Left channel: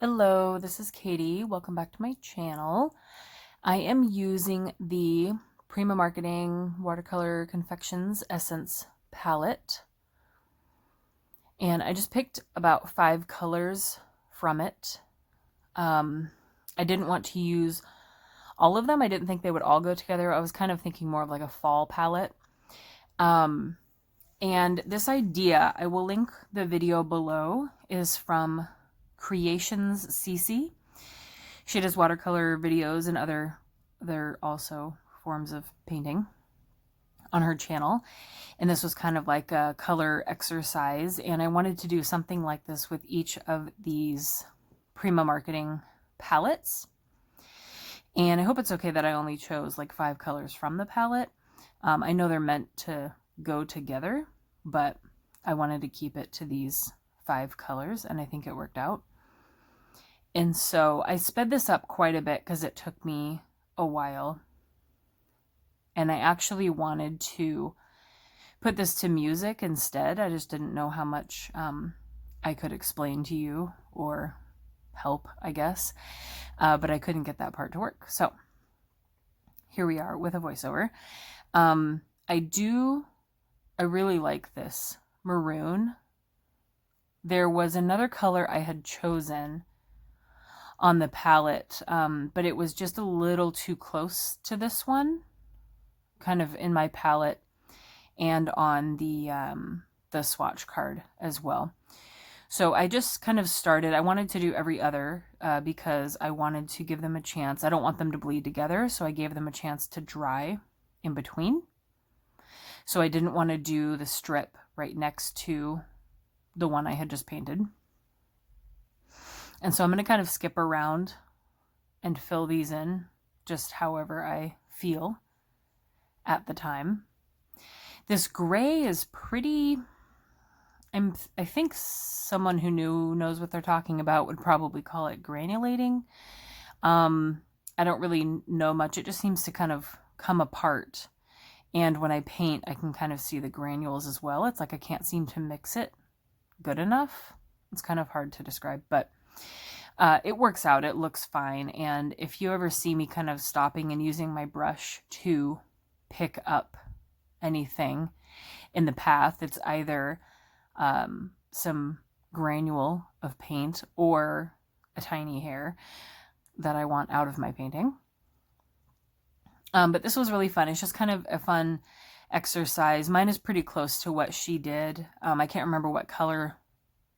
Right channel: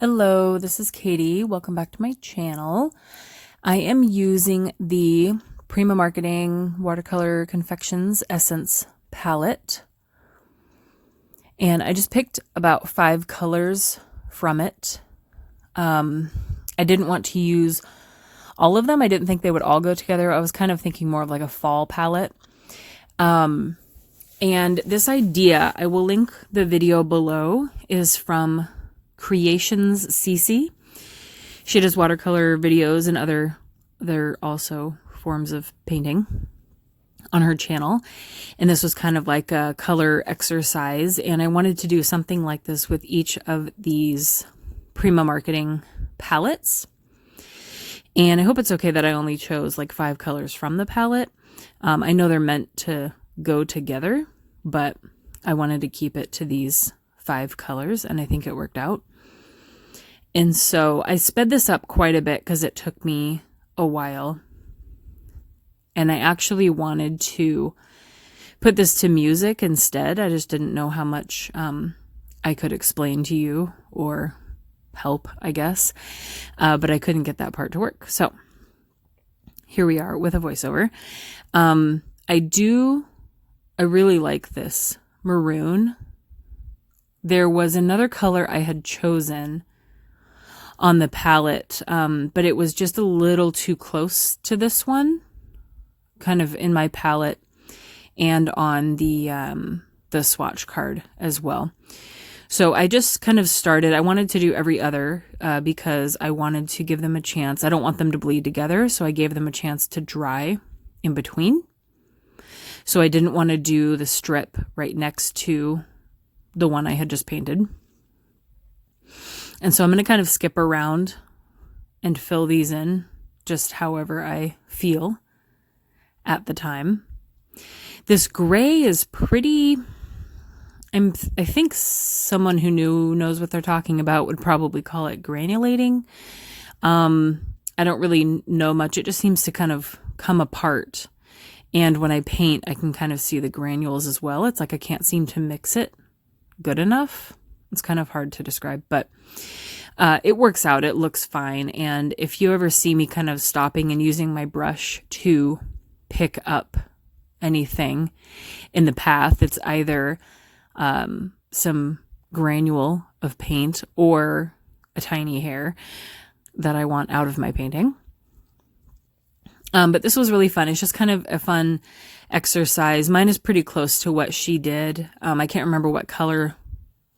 Hello, this is Katie. Welcome back to my channel. I am using the Prima Marketing Watercolor Confections Essence palette. And I just picked about 5 colors from it. I didn't want to use all of them. I didn't think they would all go together. I was kind of thinking more of like a fall palette. And this idea, I will link the video below, is from Creations CC. She does watercolor videos and other also forms of painting on her channel. And this was kind of like a color exercise. And I wanted to do something like this with each of these Prima Marketing palettes. And I hope it's okay that I only chose like 5 colors from the palette. I know they're meant to go together, but I wanted to keep it to these 5 colors, and I think it worked out. And so I sped this up quite a bit because it took me a while. And I actually wanted to put this to music instead. I just didn't know how much I could explain to you or help, I guess. But I couldn't get that part to work. So here we are with a voiceover. I really like this maroon. There was another color I had chosen on the palette, but it was just a little too close to this one, kind of in my palette and on the swatch card as well. So I just kind of started. I wanted to do every other because I wanted to give them a chance. I don't want them to bleed together, so I gave them a chance to dry in between. So I didn't want to do the strip right next to the one I had just painted. And so I'm going to kind of skip around and fill these in just however I feel at the time. This gray is pretty, I think someone who knows what they're talking about would probably call it granulating. I don't really know much. It just seems to kind of come apart. And when I paint, I can kind of see the granules as well. It's like I can't seem to mix it good enough. It's kind of hard to describe, but it works out. It looks fine. And if you ever see me kind of stopping and using my brush to pick up anything in the path, it's either some granule of paint or a tiny hair that I want out of my painting. But this was really fun. It's just kind of a fun exercise. Mine is pretty close to what she did. I can't remember what color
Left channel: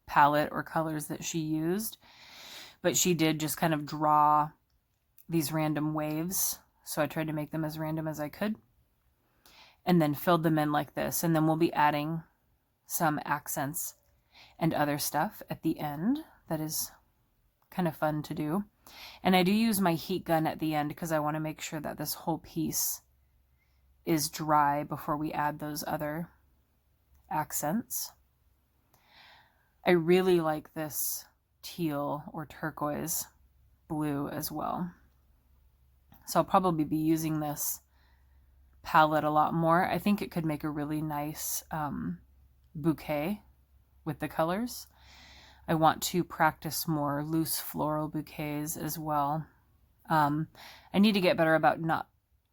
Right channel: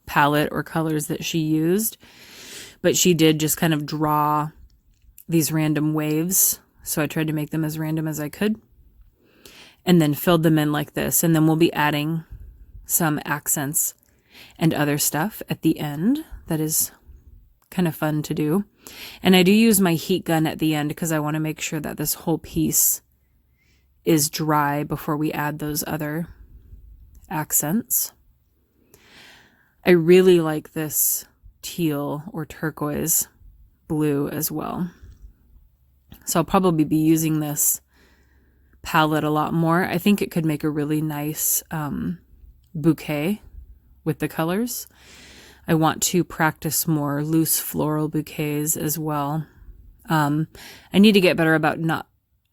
palette or colors that she used, but she did just kind of draw these random waves. So I tried to make them as random as I could and then filled them in like this. And then we'll be adding some accents and other stuff at the end. That is kind of fun to do. And I do use my heat gun at the end because I want to make sure that this whole piece is dry before we add those other accents. I really like this teal or turquoise blue as well. So I'll probably be using this palette a lot more. I think it could make a really nice bouquet with the colors. I want to practice more loose floral bouquets as well. I need to get better about not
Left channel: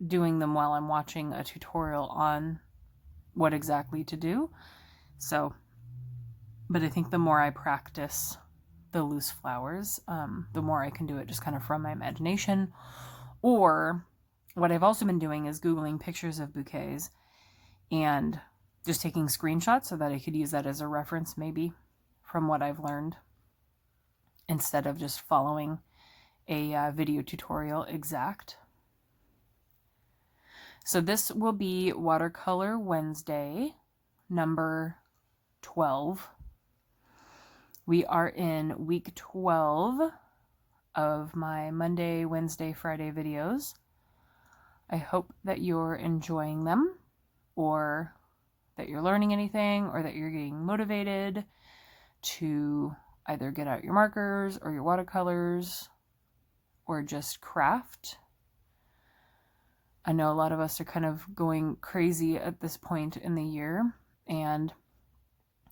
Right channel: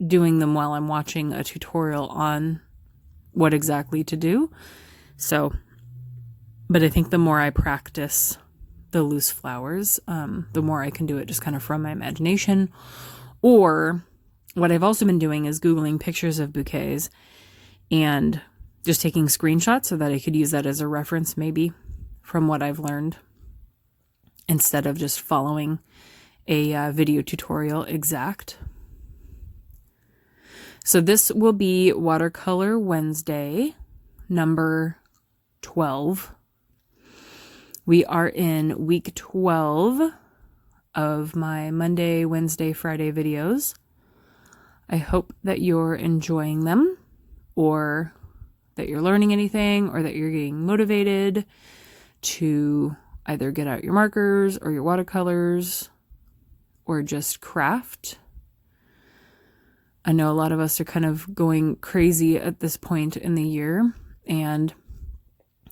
doing them while I'm watching a tutorial on what exactly to do. So, but I think the more I practice the loose flowers, the more I can do it just kind of from my imagination. Or what I've also been doing is Googling pictures of bouquets and just taking screenshots so that I could use that as a reference maybe from what I've learned instead of just following a video tutorial exact. So this will be Watercolor Wednesday, number 12. We are in week 12 of my Monday, Wednesday, Friday videos. I hope that you're enjoying them, or that you're learning anything, or that you're getting motivated to either get out your markers or your watercolors or just craft. I know a lot of us are kind of going crazy at this point in the year, and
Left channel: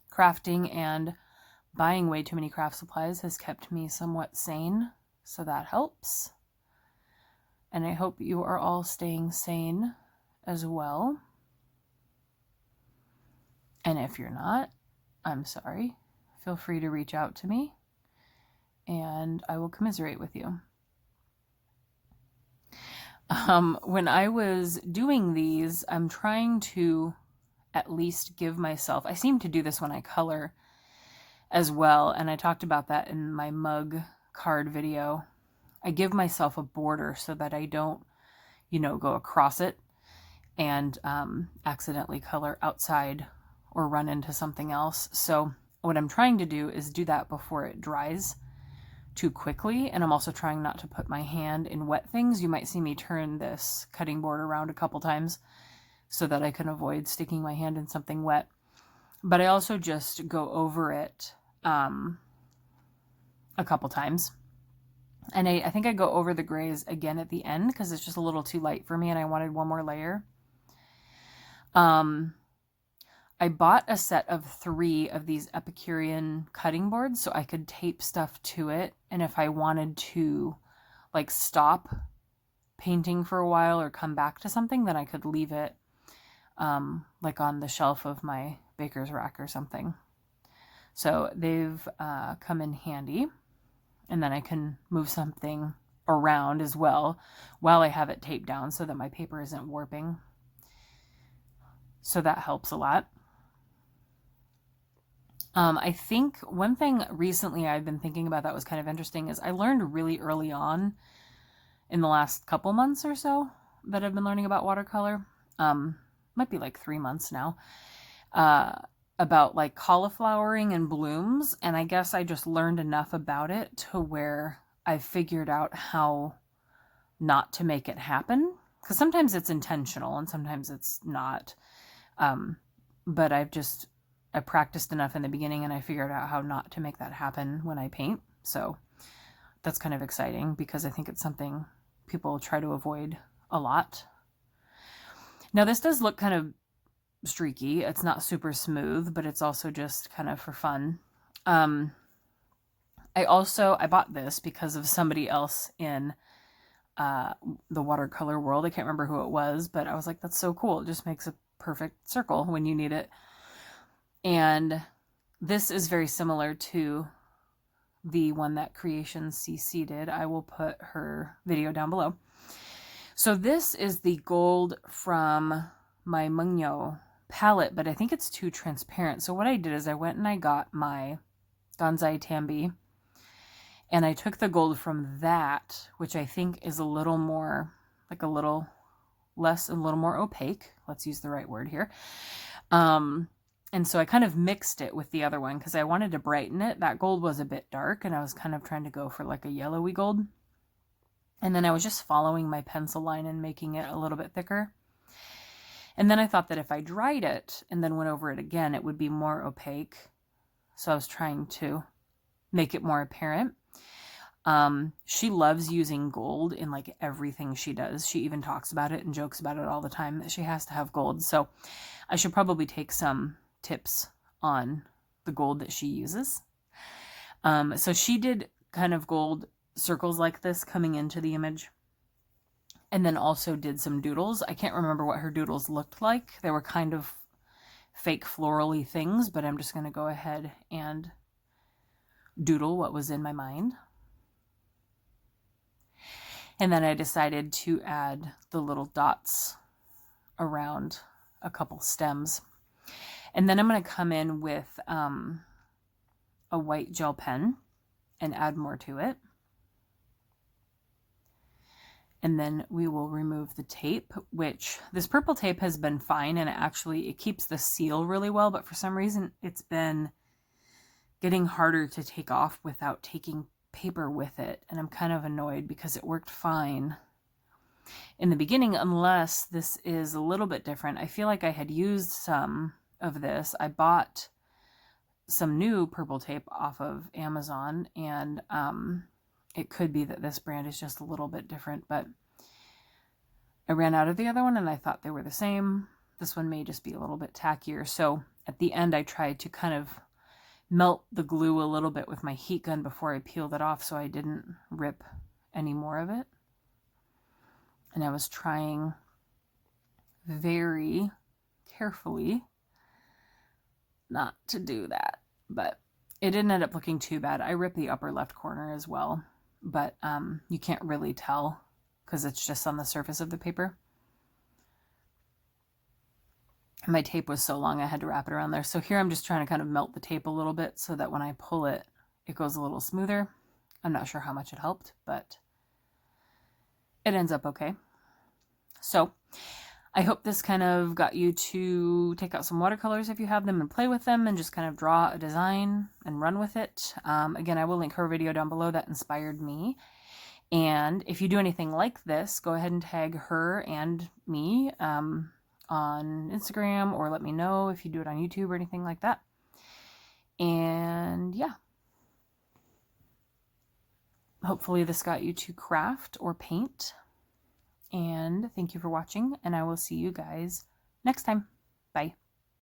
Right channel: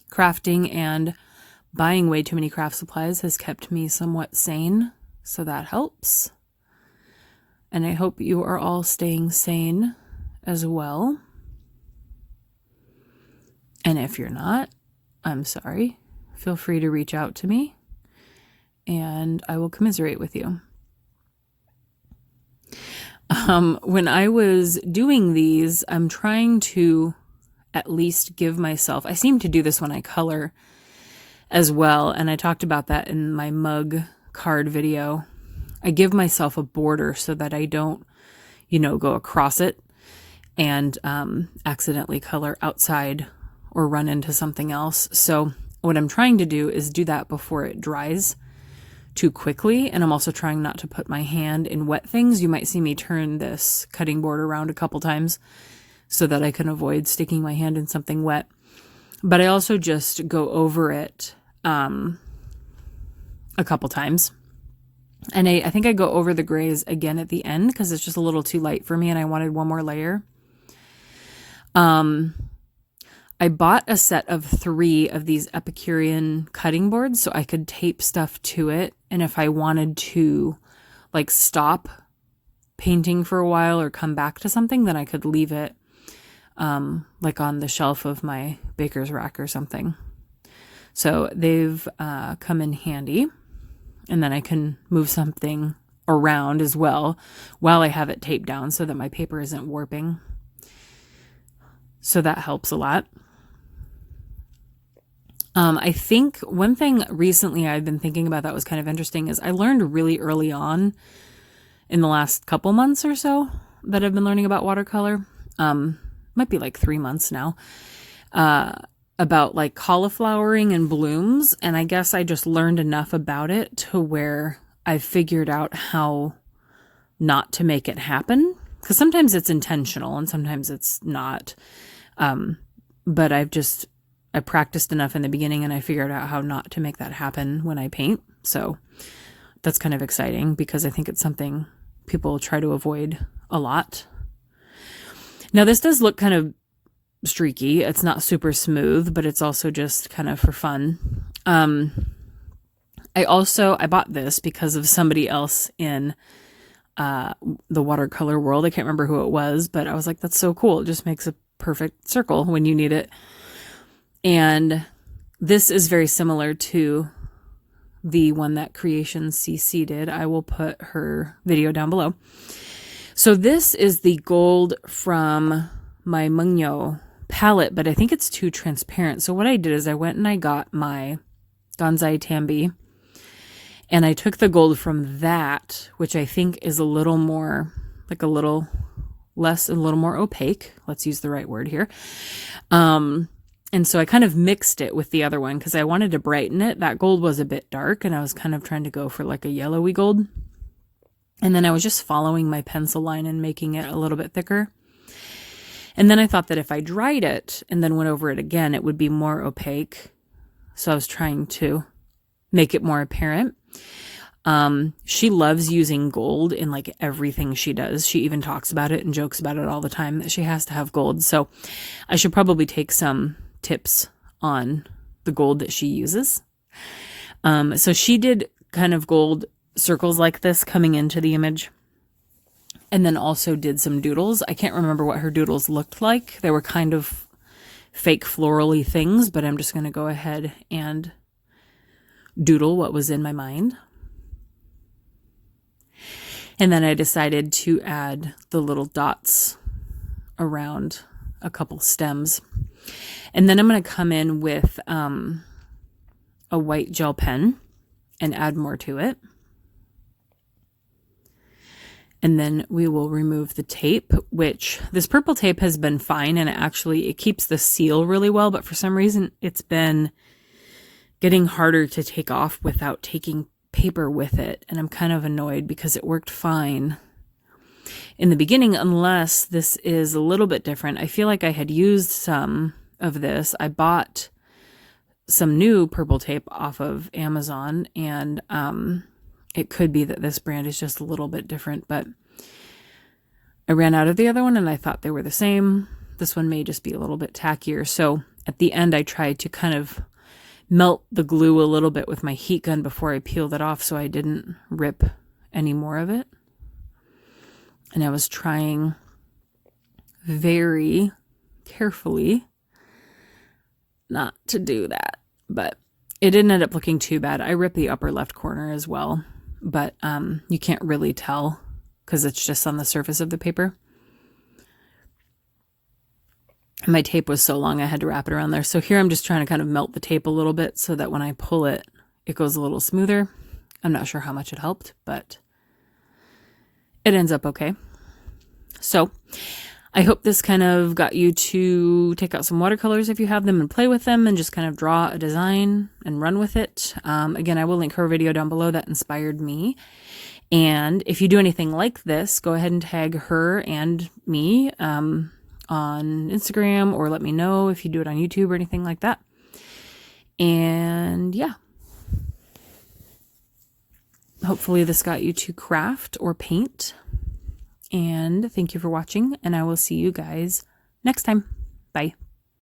crafting and buying way too many craft supplies has kept me somewhat sane, so that helps. And I hope you are all staying sane as well. And if you're not, I'm sorry. Feel free to reach out to me and I will commiserate with you. When I was doing these, I'm trying to at least give myself, I seem to do this when I color as well, and I talked about that in my mug card video. I give myself a border so that I don't, go across it and accidentally color outside or run into something else. So what I'm trying to do is do that before it dries too quickly. And I'm also trying not to put my hand in wet things. You might see me turn this cutting board around a couple times so that I can avoid sticking my hand in something wet. But I also just go over it a couple times. And I think I go over the grays again at the end because it's just a little too light for me and I wanted one more layer. I bought a set of 3 of these Epicurean cutting boards so I could tape stuff to it. And if I wanted to stop painting for a while or come back to something, then I could leave it on the shelf of my baker's rack or something. So they've come in handy. And then I can move something around as well while I have it taped down so that my paper isn't warping. So that helps a lot. I think one thing recently I've been thinking about that was kind of interesting is I learned really early on in the last couple months or so that I've been learning about watercolor. Might be 3 months now, about cauliflowering and blooms. And I guess I just learned enough about it to where I've figured out how not to make it happen. Because sometimes it's intentional and sometimes it's not. But I practiced enough in the beginning and I figured out how not to make that happen when I paint. So that's kind of exciting because I think it's something people try to avoid a lot. Now this does look kind of streaky. It's not super smooth, but it's also just kind of for fun. I bought this because of somebody else in the watercolor world. I can't remember who it was, but I was like, that's so cool. It just makes a perfect circle when you need it. And this is very similar to the one that Creation CC did. I will put her video down below. So this is the gold from my Mungyo palette, but I think it's too transparent. So what I did is I went and I got my Ganzai Tambi and I took the gold from that, which I think is a little more, a little less, a little more opaque. Let's use the right word here. And so I kind of mixed it with the other one because I wanted to brighten it. That gold was a bit dark and I was kind of trying to go for a yellowy gold. And then I was just following my pencil line and making it a little bit thicker. And then I thought that if I dried it and then went over it again, it would be more opaque. So I was trying to make it more apparent. She loves using gold in everything she does. She even talks about it and jokes about it all the time that she has to have gold. So I should probably take some tips on the gold that she uses. So she did kind of gold circles like this coming into the image. And then also did some doodles. I can't remember what her doodles looked like. They were kind of fake floral-y things, but I'm just going to go ahead and doodle what was in my mind. And then I decided to add the little dots around a couple stems. And then I'm going to come in with a white gel pen and add more to it. And then we will remove the tape, which this purple tape has been fine. And it keeps the seal really well. But for some reason, it's been getting harder to take off without taking paper with it. And I'm kind of annoyed because it worked fine in the beginning, unless this is a little bit different. I feel like I had used some of this. I bought some new purple tape off of Amazon, and it could be that this brand is just a little bit different, but I ran out of the other one and I thought they were the same. This one may just be a little bit tackier. So at the end, I tried to kind of melt the glue a little bit with my heat gun before I peeled it off so I didn't rip any more of it. And I was trying very carefully not to do that, but it didn't end up looking too bad. I ripped the upper left corner as well, but you can't really tell because it's just on the surface of the paper. My tape was so long I had to wrap it around there. So here I'm just trying to kind of melt the tape a little bit so that when I pull it, it goes a little smoother. I'm not sure how much it helped, but it ends up okay. So I hope this kind of got you to take out some watercolors if you have them and play with them and just kind of draw a design and run with it. Again, I will link her video down below that inspired me. And if you do anything like this, go ahead and tag her and me on Instagram, or let me know if you do it on YouTube or anything like that. And yeah, hopefully this got you to craft or paint. And thank you for watching, and I will see you guys next time. Bye.